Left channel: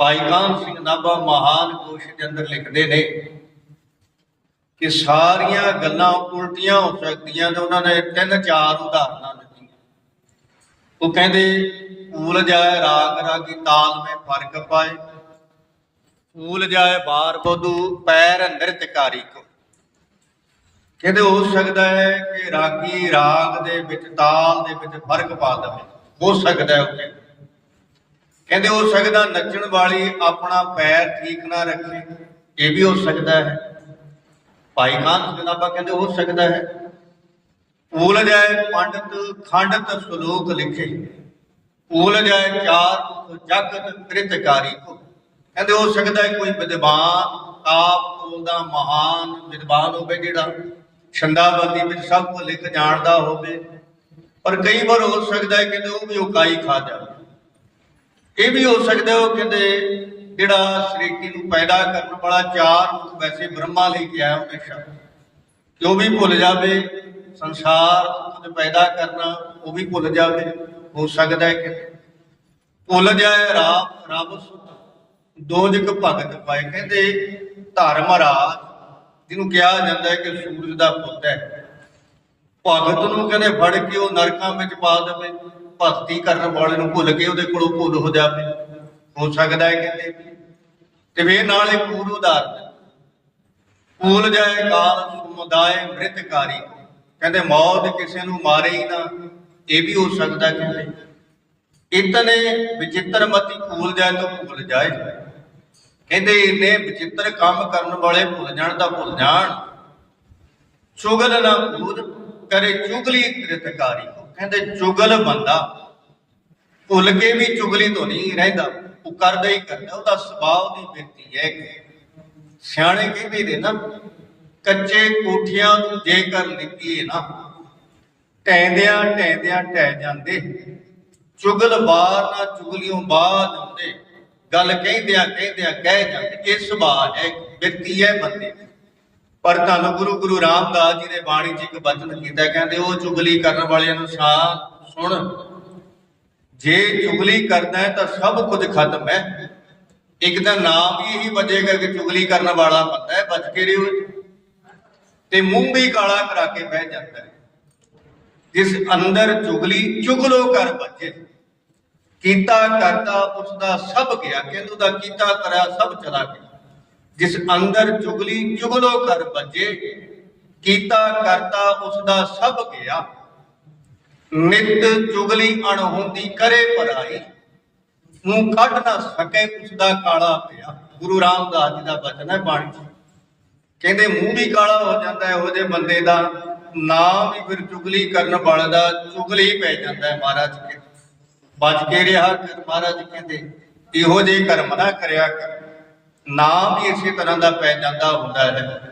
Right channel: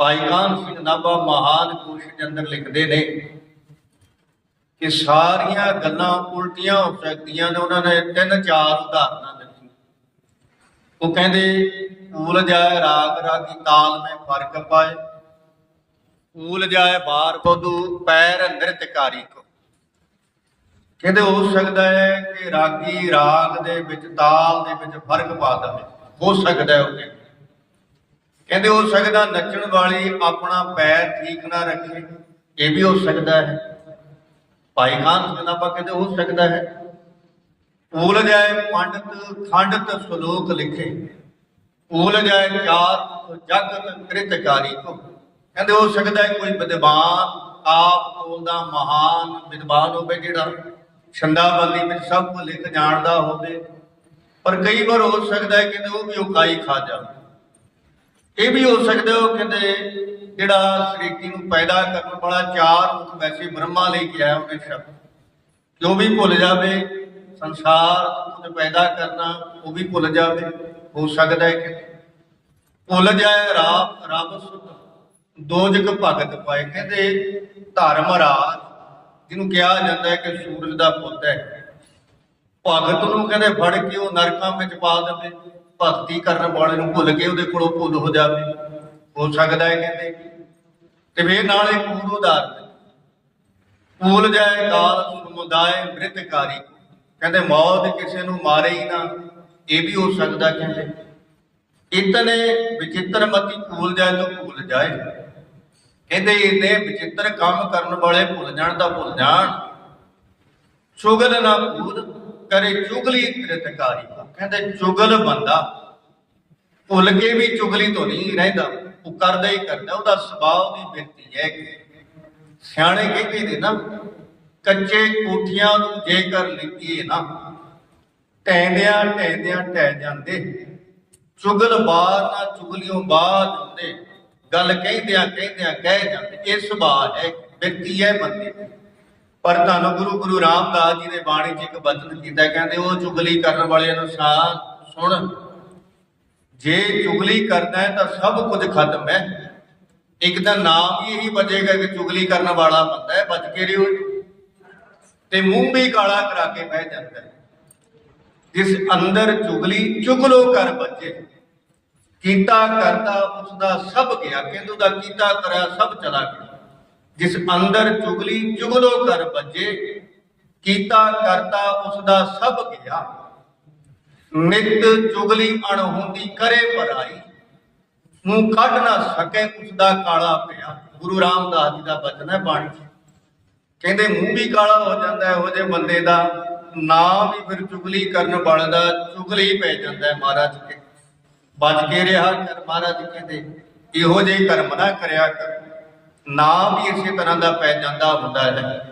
ਭਾਈ ਕਾਨ ਸਿੰਘ ਨਾਭਾ ਮਹਾਨ ਕੋਸ਼ ਦੇ ਅੰਦਰ ਲਿਖਦੇ ਨੇ ਕਿ ਸਾਰੀਆਂ ਗੱਲਾਂ ਉਲਟੀਆਂ ਹੋ ਸਕਦੀਆਂ ਨੇ, ਉਹਨਾਂ ਨੇ ਤਿੰਨ ਚਾਰ ਉਦਾਹਰਨਾਂ ਦਿੱਤੀਆਂ। ਉਹ ਕਹਿੰਦੇ ਫੂਲ ਜਾਏ ਰਾਗ, ਰਾਗੀ ਤਾਲ ਮੈਂ ਫ਼ਰਕ ਪਾਏ। ਫੂਲ ਜਾਏ ਬਾਰ ਬਦੂ ਪੈਰ ਨ੍ਰਿਤਕਾਰੀ ਕੋ। ਕਹਿੰਦੇ, ਹੋ ਸਕਦਾ ਹੈ ਕਿ ਰਾਗੀ ਰਾਗ ਦੇ ਵਿੱਚ, ਤਾਲ ਦੇ ਵਿੱਚ ਫ਼ਰਕ ਪਾ ਦੇਵੇ। ਹੋ ਸਕਦਾ ਹੈ ਉਹ ਕਹਿੰਦੇ। ਹੋ ਸਕਦਾ ਨੱਚਣ ਵਾਲੀ ਆਪਣਾ ਪੈਰ ਠੀਕ ਨਾ ਰੱਖੇ, ਇਹ ਵੀ ਹੋ ਸਕਦਾ ਹੈ। ਭਾਈ ਖਾਨ ਜਨਾਬਾ ਕਹਿੰਦੇ ਹੋ ਸਕਦਾ ਹੈ। ਭੂਲ ਜਾਏ ਪੰਡਤ, ਖੰਡਤ ਸ਼ਲੋਕ ਲਿਖੇ। ਭੂਲ ਜਾਏ ਚਾਰ ਜਗਤ ਕ੍ਰਿਤਕਾਰੀ ਕੋ। ਕਹਿੰਦੇ ਹੋ ਸਕਦਾ ਹੈ ਕੋਈ ਵਿਦਵਾਨ ਆਪ ਕੋਲ ਦਾ ਮਹਾਨ ਵਿਦਵਾਨ ਹੋਵੇ ਜਿਹੜਾ ਛੰਦਾਬੰਦੀ ਵਿੱਚ ਸਭ ਕੁਝ ਲਿਖ ਜਾਣਦਾ ਹੋਵੇ। ਪਰ ਕਈ ਵਾਰ ਹੋ ਸਕਦਾ ਹੈ ਕਹਿੰਦੇ ਉਹ ਵੀ ਉਕਾਈ ਖਾ ਜਾਵੇ। ਇਹ ਵੀ ਹੋ ਸਕਦਾ ਉਹ ਕਹਿੰਦੇ ਜਿਹੜਾ ਸ੍ਰਿਸ਼ਟੀ ਨੂੰ ਪੈਦਾ ਕਰਨ ਵਾਲਾ ਚਾਰ ਮੁਖ ਵੈਸੇ ਬ੍ਰਹਮਾ ਲਈ ਕੇ ਆਇਆ ਉਹਨੇ ਸ਼ਬਦ ਕਿ ਵੀ ਭੁੱਲ ਜਾਵੇ, ਸੰਸਾਰ ਕੁਝ ਪੈਦਾ ਕਰਨਾ, ਉਹ ਵੀ ਭੁੱਲ ਜਾਵੇ, ਹੋ ਸਕਦਾ ਹੈ ਕਿ ਭੁੱਲ ਜਾਏ ਰਾਮ ਰੱਬ ਸੁਤ ਦੋਜਕ ਭਗਤ ਪਾਏ। ਕਹਿੰਦੇ ਧਰਮ ਰਾਜ, ਜਿਹਨੂੰ ਕਿਹਾ ਜਾਂਦਾ ਹੈ ਕਿ ਸੂਰਜ ਦਾ ਪੁੱਤ ਹੈ। ਭਗਤ ਨੂੰ ਕਹਿੰਦੇ ਫੜ ਕੇ ਉਹ ਨਰਕਾਂ ਵਿੱਚ ਪਾ ਦੇਵੇ। ਭਗਤੀ ਕਰਨ ਵਾਲੇ ਨੂੰ ਭੁੱਲ ਕੇ ਉਹਦੇ ਕੋਲੋਂ ਭੁੱਲ ਹੋ ਜਾਵੇ। ਹੋ ਸਕਦਾ ਹੈ ਕਹਿੰਦੇ ਤੇ ਵੇ ਨਾਲ ਇੱਕ ਹੋਰ ਉਦਾਹਰਨ ਭੁੱਲ ਜਾਏ ਕਾਲ ਸਮੁਦਾਇ ਮ੍ਰਿਤਕਾਰੀ। ਕਹਿੰਦੇ ਮੌਤ ਕਿਸੇ ਨੂੰ ਮਾਰੇ ਹੀ ਨਾ, ਇਹ ਵੀ ਹੋ ਸਕਦਾ ਕਹਿੰਦੇ। ਇਤਨੇ ਵਿਚਿੱਤਰ ਮਤੀ ਭੁੱਲ ਜਾਏ ਤਾਂ ਭੁੱਲ ਜਾਏ। ਕਹਿੰਦੇ ਇਹਨੇ ਵਿਚਿੱਤਰ ਕੰਮ ਕਰਨ ਵਾਲੇ ਭੁੱਲ ਜਾਣ ਤਾਂ ਭੁੱਲ ਜਾਣ। ਚੁਗਲ ਨਾ ਭੂਤ ਕਰੇ ਚੁਗਲੀ ਕ੍ਰਿਤਕਾਰੀ ਕਹਿੰਦੇ ਚੁਗਲ ਬੰਦਾ। ਭੁੱਲ ਕੇ ਵੀ ਚੁਗਲੀ ਤੋਂ ਨਹੀਂ ਰਹਿੰਦਾ। ਉਹ ਕਰਦਾ ਹੀ ਕਰਦਾ। ਉਹਦਾ ਸੁਭਾਅ ਦੀ ਬਿਰਤੀ ਹੈ ਸਿਆਣੇ ਕਹਿੰਦੇ ਨੇ ਨਾ, ਕੱਚੇ ਕੋਠੀਆਂ ਨੂੰ ਜੇਕਰ ਲਿਪੀਏ ਨਾ, ਟੈਂਦਿਆਂ ਟੈਂਦਿਆਂ ਟਹਿ ਜਾਂਦੇ। ਚੁਗਲ ਬਾਰ ਨਾ ਚੁਗਲਿਓਂ ਬਾਦ ਹੁੰਦੇ ਗੱਲ ਕਹਿੰਦਿਆਂ ਕਹਿੰਦਿਆਂ ਕਹਿ ਜਾਂਦੇ। ਇਹ ਸੁਭਾਅ ਹੈ, ਬਿਰਤੀ ਹੈ ਬੰਦੇ ਦੀ। ਪਰ ਤੁਹਾਨੂੰ ਗੁਰੂ ਗੁਰੂ ਰਾਮਦਾਸ ਜੀ ਨੇ ਬਾਣੀ 'ਚ ਇੱਕ ਬਚਨ ਕੀਤਾ ਕਹਿੰਦੇ, ਉਹ ਚੁਗਲੀ ਕਰਨ ਵਾਲਿਆਂ ਨੂੰ ਸ਼ਾਂ ਸੁਣ। ਜੇ ਚੁਗਲੀ ਕਰਦਾ ਹੈ ਤਾਂ ਸਭ ਕੁਝ ਖਤਮ ਹੈ। ਇੱਕ ਤਾਂ ਨਾਮ ਹੀ ਇਹੀ ਬਚੇਗਾ ਕਿ ਚੁਗਲੀ ਕਰਨ ਵਾਲਾ ਬੰਦਾ ਹੈ, ਬਚ ਕੇ ਰਿਓ। ਤੇ ਮੂੰਹ ਵੀ ਕਾਲਾ ਕਰਾ ਕੇ ਬਹਿ ਜਾਂਦਾ ਹੈ। ਜਿਸ ਅੰਦਰ ਚੁਗਲੀ, ਚੁਗਲੋ ਕਰ ਬੱਚੇ ਕੀਤਾ ਕਰਦਾ ਉਸ ਦਾ ਸਭ ਗਿਆ। ਕਹਿੰਦੇ ਦਾ ਕੀਤਾ, ਕਰਿਆ, ਸਭ ਚਲਾ ਗਿਆ। ਜਿਸ ਅੰਦਰ ਚੁਗਲੀ ਚੁਗਲੋ ਕਰ ਬੱਜੇ ਕੀਤਾ ਕਰਤਾ ਉਸ ਦਾ ਸਭ ਗਿਆ। ਨਿਤ ਚੁਗਲੀ ਅਣਹੋਂਦੀ ਕਰੇ ਪਰਾਈ, ਮੂੰਹ ਕੱਢ ਨਾ ਸਕੇ ਉਸ ਦਾ ਕਾਲਾ ਪਿਆ। ਗੁਰੂ ਰਾਮਦਾਸ ਜੀ ਦਾ ਬਚਨ ਹੈ ਬਾਣੀ ਕਹਿੰਦੇ, ਮੂੰਹ ਵੀ ਕਾਲਾ ਹੋ ਜਾਂਦਾ ਹੈ ਇਹੋ ਜਿਹੇ ਬੰਦੇ ਦਾ ਨਾਮ ਵੀ ਫਿਰ ਚੁਗਲੀ ਕਰਨ ਵਾਲੇ ਦਾ ਚੁਗਲੀ ਪੈ ਜਾਂਦਾ ਹੈ ਮਹਾਰਾਜ ਕੇ। ਬਚ ਕੇ ਰਿਹਾ ਕਰ ਮਹਾਰਾਜ ਕਹਿੰਦੇ, ਇਹੋ ਜਿਹੇ ਕਰਮ ਨਾ ਕਰਿਆ ਕਰ। ਨਾਮ ਵੀ ਇਸੇ ਤਰ੍ਹਾਂ ਦਾ ਪੈ ਜਾਂਦਾ ਹੁੰਦਾ ਹੈ।